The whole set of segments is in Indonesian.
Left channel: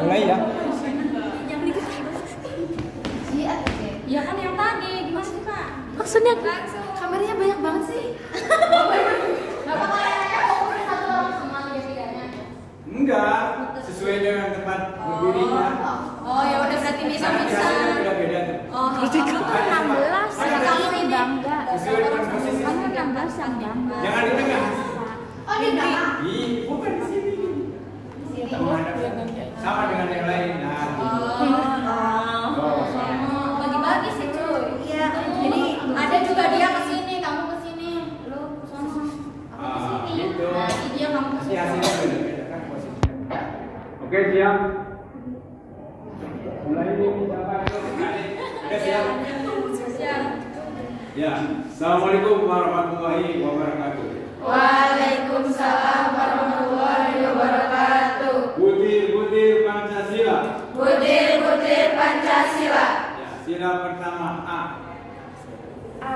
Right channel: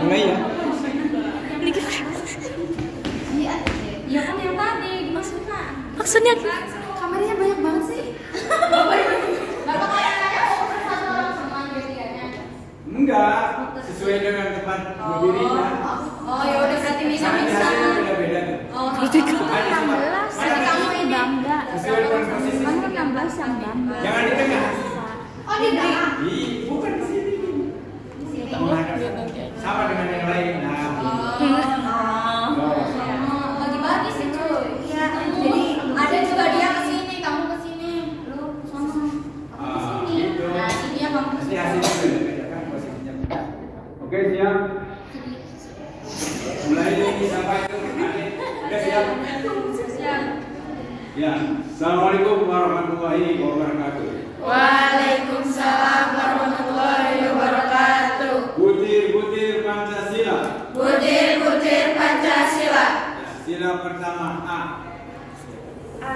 Mulai ya. Ya kan yang tadi gimana? Maksudnya Kameranya banyak banget sih. Enggak, sesuai dengan tempat berdirinya. Oh ya udah berarti bisa. Beda-beda tuh. Oh, berarti kan 16 kamu bangga. Sesuai dengan posisinya. kamu 16 yang bangga. Jangan di tengah. Oh di tengah. Bukan di sini. Sama dengan yang lain. Nah, Bagi-bagi sih cuy. Iya. Jadi ada juga dia kesini, kamu kesini, lu sama. gitu. Nah, ini dia kamu Nanti kesini. hasilnya beda-beda kan posisinya. Oke, siap. Mulai siapa itu? Udah siap? Ya. Assalamualaikum warahmatullahi wabarakatuh. Waalaikumsalam warahmatullahi wabarakatuh. Butir-butir Pancasila. Butir-butir Pancasila. Ya, sila pertama A. A.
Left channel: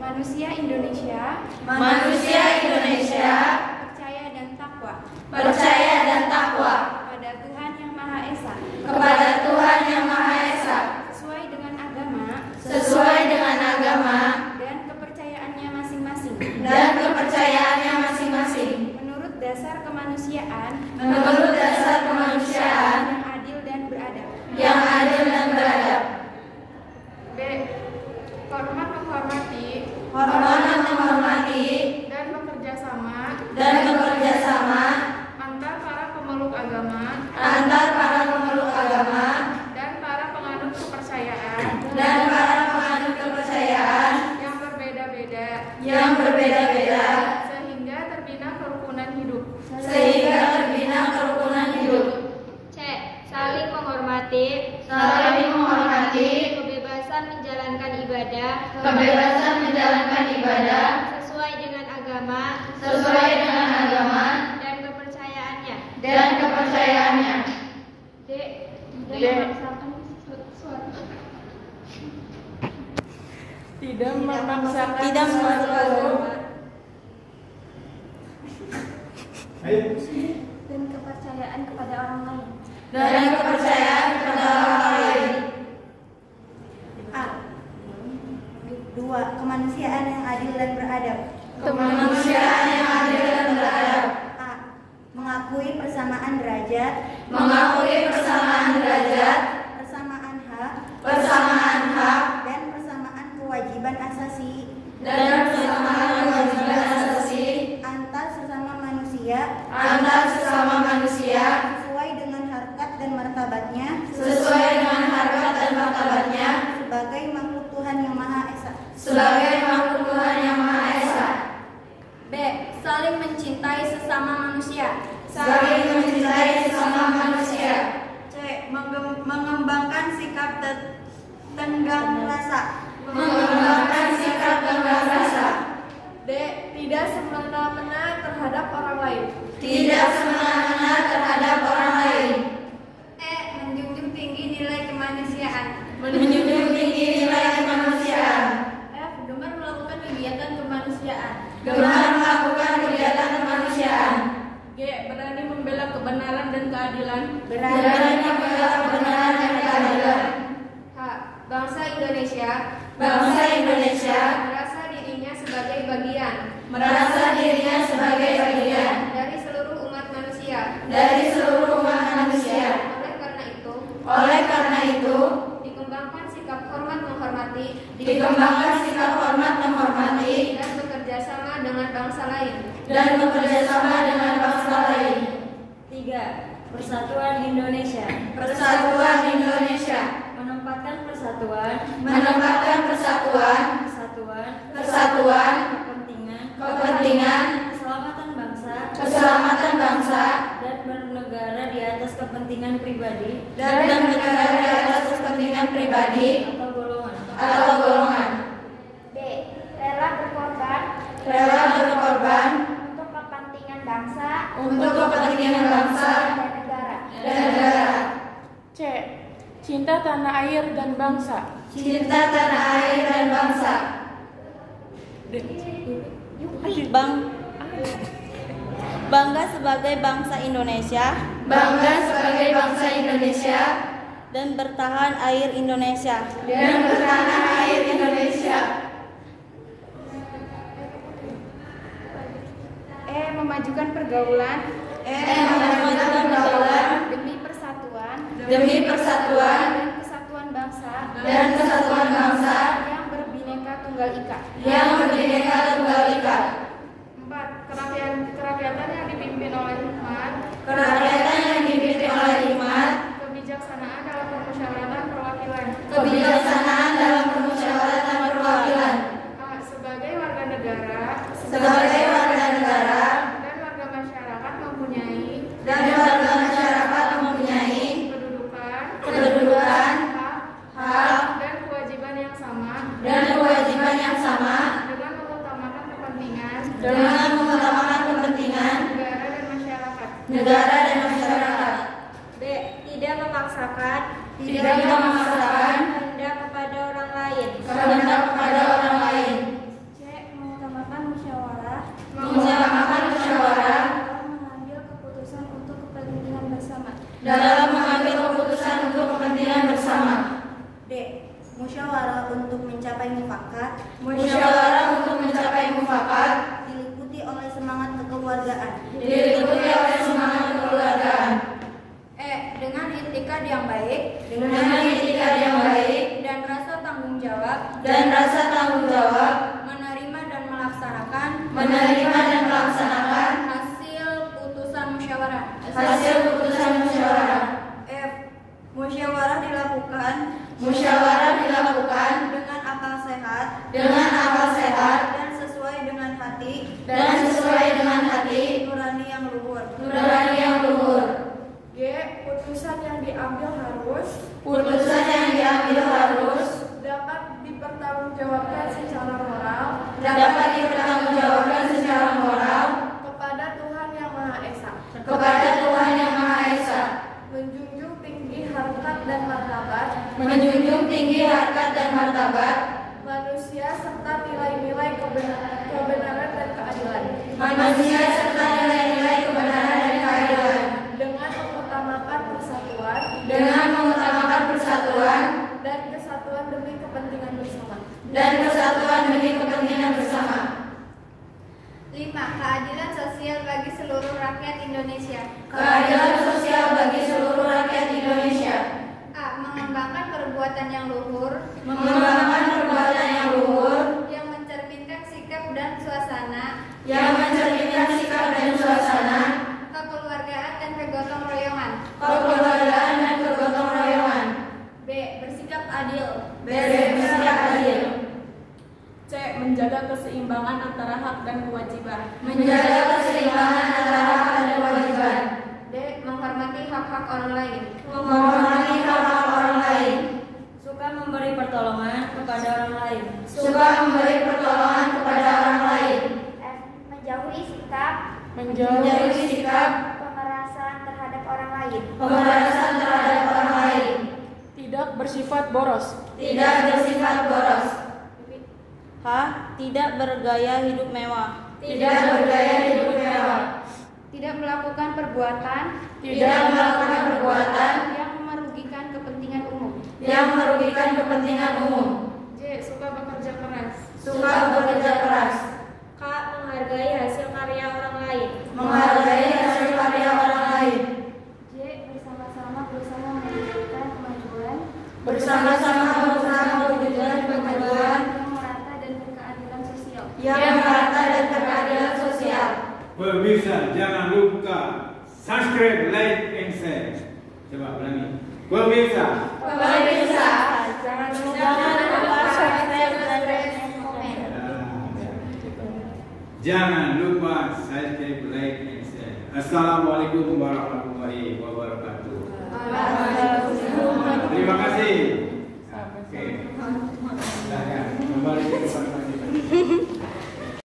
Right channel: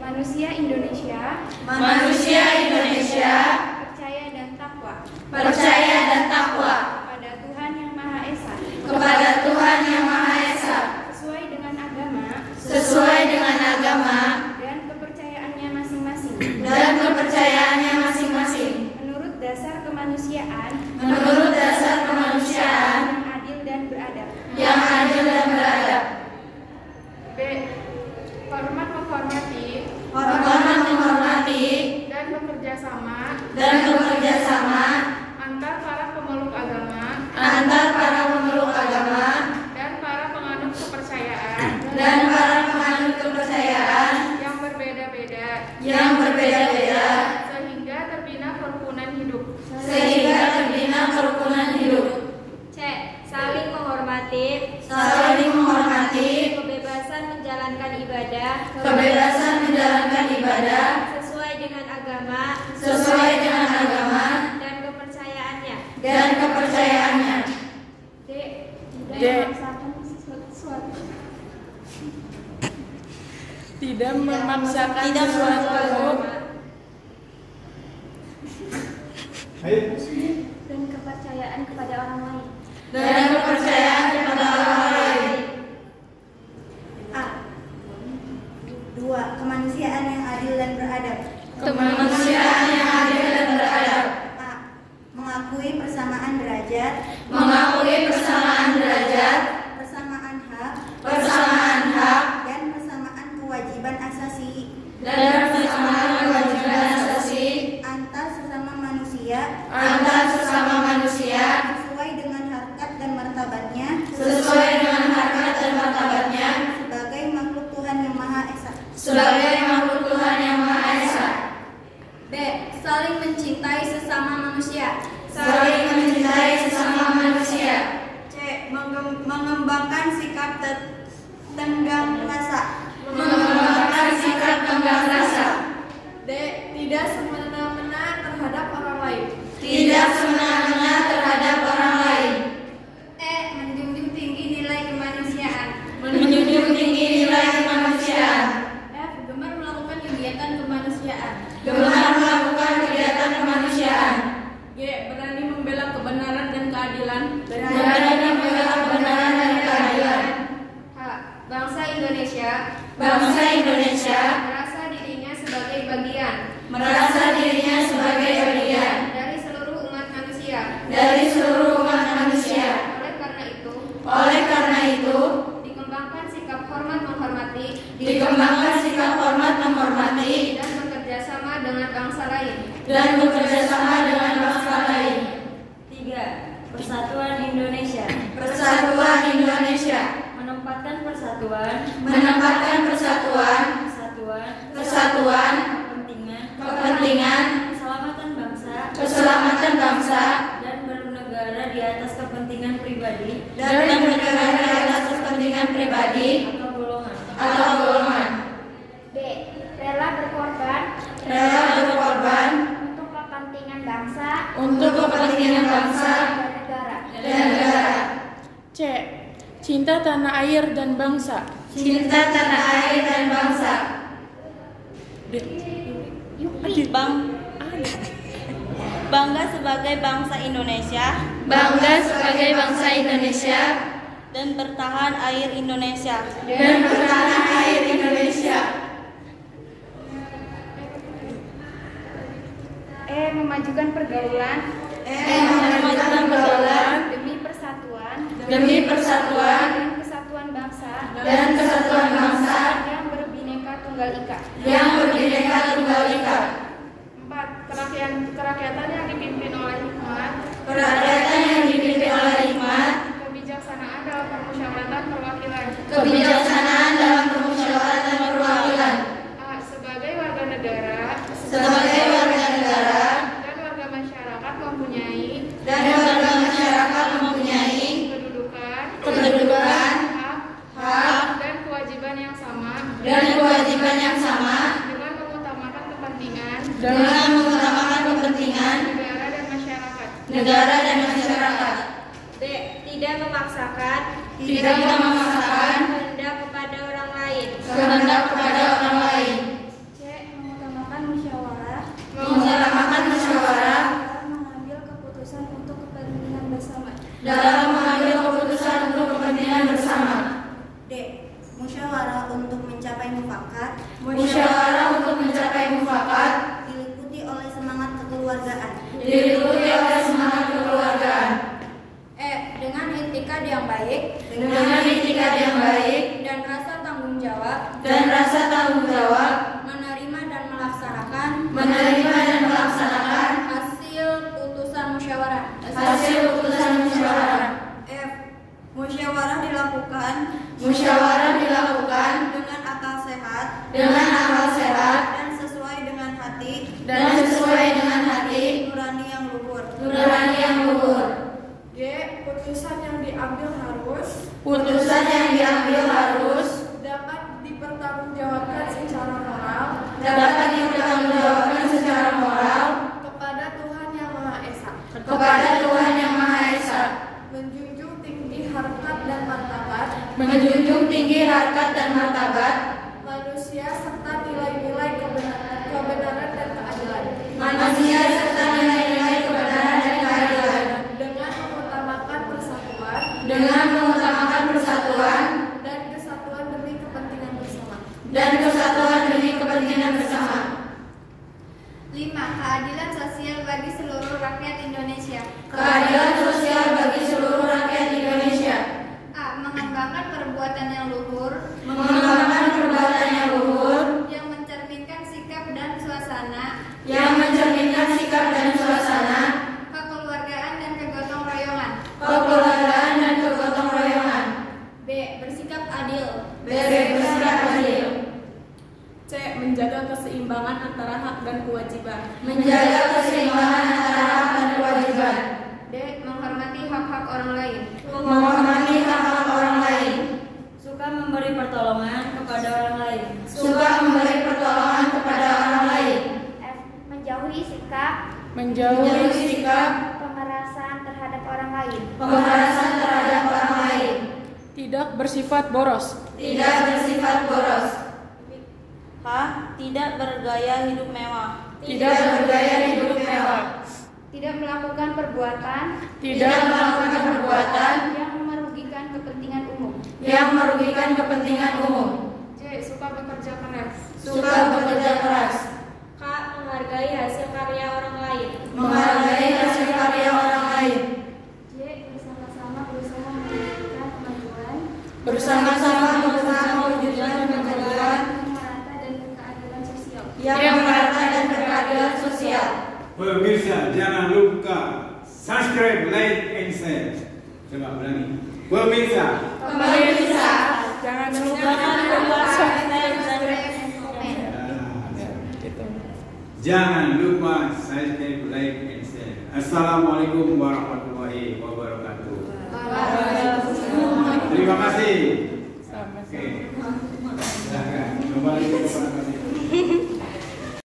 Manusia Indonesia Manusia Indonesia percaya dan takwa percaya dan takwa pada Tuhan Yang Maha Esa kepada Tuhan Yang Maha Esa sesuai dengan agama dan kepercayaannya masing-masing menurut dasar kemanusiaan yang adil dan beradab. B. Hormat menghormati dan bekerja sama antar para pemeluk agama dan para penganut kepercayaan yang berbeda-beda sehingga terbina kerukunan hidup. C. Saling menghormati kebebasan menjalankan ibadah sesuai dengan agama dan kepercayaannya. D. Tidak memaksakan sesuatu. Ayo. Dan kepercayaan kepada orang lain. A. 2. Kemanusiaan yang adil dan beradab. A. Mengakui persamaan derajat, persamaan hak, dan persamaan kewajiban asasi antar sesama manusia sesuai dengan harkat dan martabatnya sebagai makhluk Tuhan Yang Maha Esa. B. Saling mencintai sesama manusia. C. Mengembangkan sikap tenggang rasa. D. Tidak semena-mena terhadap orang lain. E. Menjunjung tinggi nilai kemanusiaan. F. Gemar melakukan kegiatan kemanusiaan. G. Berani membela kebenaran dan keadilan. H. Bangsa Indonesia merasa dirinya sebagai bagian dari seluruh umat manusia. Oleh karena itu, dikembangkan sikap hormat menghormati dan bekerja sama dengan bangsa lain. 3. Persatuan Indonesia menempatkan persatuan, kepentingan, keselamatan bangsa, dan bernegara di atas kepentingan pribadi atau golongan. B. Rela berkorban untuk kepentingan bangsa dan negara. C. Cinta tanah air dan bangsa. Bangga sebagai bangsa Indonesia. Bangga sebagai bangsa Indonesia dan bertahan air Indonesia. Dan bertahan air Indonesia. Memajukan pergaulan. Memajukan pergaulan. Demi persatuan. Demi persatuan. Dan kesatuan bangsa. Dan kesatuan bangsa. Yang berbineka tunggal ika. Yang berbineka tunggal ika. 4. Kerakyatan yang dipimpin oleh hikmat. Kerakyatan yang dipimpin oleh hikmat. Kebijaksanaan dalam permusyawaratan perwakilan. Kebijaksanaan dalam permusyawaratan perwakilan. A. Sebagai warga negara. Sebagai warga negara. Dan warga masyarakat mempunyai. Dan warga masyarakat mempunyai. Kedudukan. Hak. Dan kewajiban yang sama. Dan kewajiban yang sama. Dengan mengutamakan kepentingan. Dengan mengutamakan kepentingan. Negara dan masyarakat. B. Tidak memaksakan. Tidak memaksakan. Kehendak kepada orang lain. Kehendak kepada orang lain. C. Mengutamakan musyawarah. Mengutamakan musyawarah. Dalam mengambil keputusan untuk kepentingan bersama. Dalam mengambil keputusan untuk kepentingan bersama. D. Musyawarah untuk mencapai mufakat. Musyawarah untuk mencapai mufakat. Diliputi oleh semangat kekeluargaan. Diliputi oleh semangat kekeluargaan. E. Dengan itikad yang baik. Dengan itikad yang baik. Dan rasa tanggung jawab. Dan rasa tanggung jawab. Menerima dan melaksanakan. Menerima dan melaksanakan. Hasil putusan musyawarah. Hasil putusan musyawarah. F. Musyawarah dilakukan. Musyawarah dilakukan. Dengan akal sehat. Dengan akal sehat. Dan sesuai dengan hati. Dan sesuai dengan hati. Nurani yang luhur. Nurani yang luhur. G. Putusan yang diambil harus. Putusan yang diambil harus. Dapat dipertanggungjawabkan secara moral. Dapat dipertanggungjawabkan secara moral. Kepada Tuhan Yang Maha Esa. Kepada Tuhan Yang Maha Esa. Menjunjung tinggi harkat dan martabat. Menjunjung tinggi harkat dan martabat. Manusia serta nilai-nilai kebenaran dan keadilan. Manusia serta nilai-nilai kebenaran dan keadilan. Dengan mengutamakan persatuan. Dengan mengutamakan persatuan. Dan kesatuan demi kepentingan bersama. Dan kesatuan demi kepentingan bersama. 5. Keadilan sosial bagi seluruh rakyat Indonesia. Keadilan sosial bagi seluruh rakyat Indonesia. A. Mengembangkan perbuatan yang luhur. Mengembangkan perbuatan yang luhur. Yang mencerminkan sikap dan suasana. Yang mencerminkan sikap dan suasana. Kekeluargaan dan kegotong royongan. Kekeluargaan dan kegotong royongan. B. Bersikap adil. B. Bersikap adil. C. Menjaga keseimbangan antara hak dan kewajiban. Menjaga keseimbangan antara hak dan kewajiban. D. Menghormati hak-hak orang lain. Menghormati hak-hak orang lain. Suka memberi pertolongan kepada orang lain. Suka memberi pertolongan kepada orang lain. F. Menjauhi sikap Menjauhi sikap pemerasan terhadap orang lain. pemerasan terhadap orang lain. Tidak bersifat boros. Tidak bersifat boros. H. Tidak bergaya hidup mewah. Tidak bergaya hidup mewah. Tidak melakukan perbuatan Tidak melakukan perbuatan yang merugikan kepentingan umum. yang merugikan kepentingan umum. J. Suka bekerja keras. Suka bekerja keras. K. Menghargai hasil karya orang lain. Menghargai hasil karya orang lain. J. Bersama-sama berusaha mewujudkan kemajuan. Bersama-sama berusaha mewujudkan kemajuan yang merata dan berkeadilan sosial. yang merata dan berkeadilan sosial. Pemirsa, jangan lupa subscribe, like, and share. Coba ulangi. Pemirsa, Pemirsa, Jangan lupa jangan lupa subscribe, like, and share. Assalamualaikum warahmatullahi wabarakatuh. Terima kasih.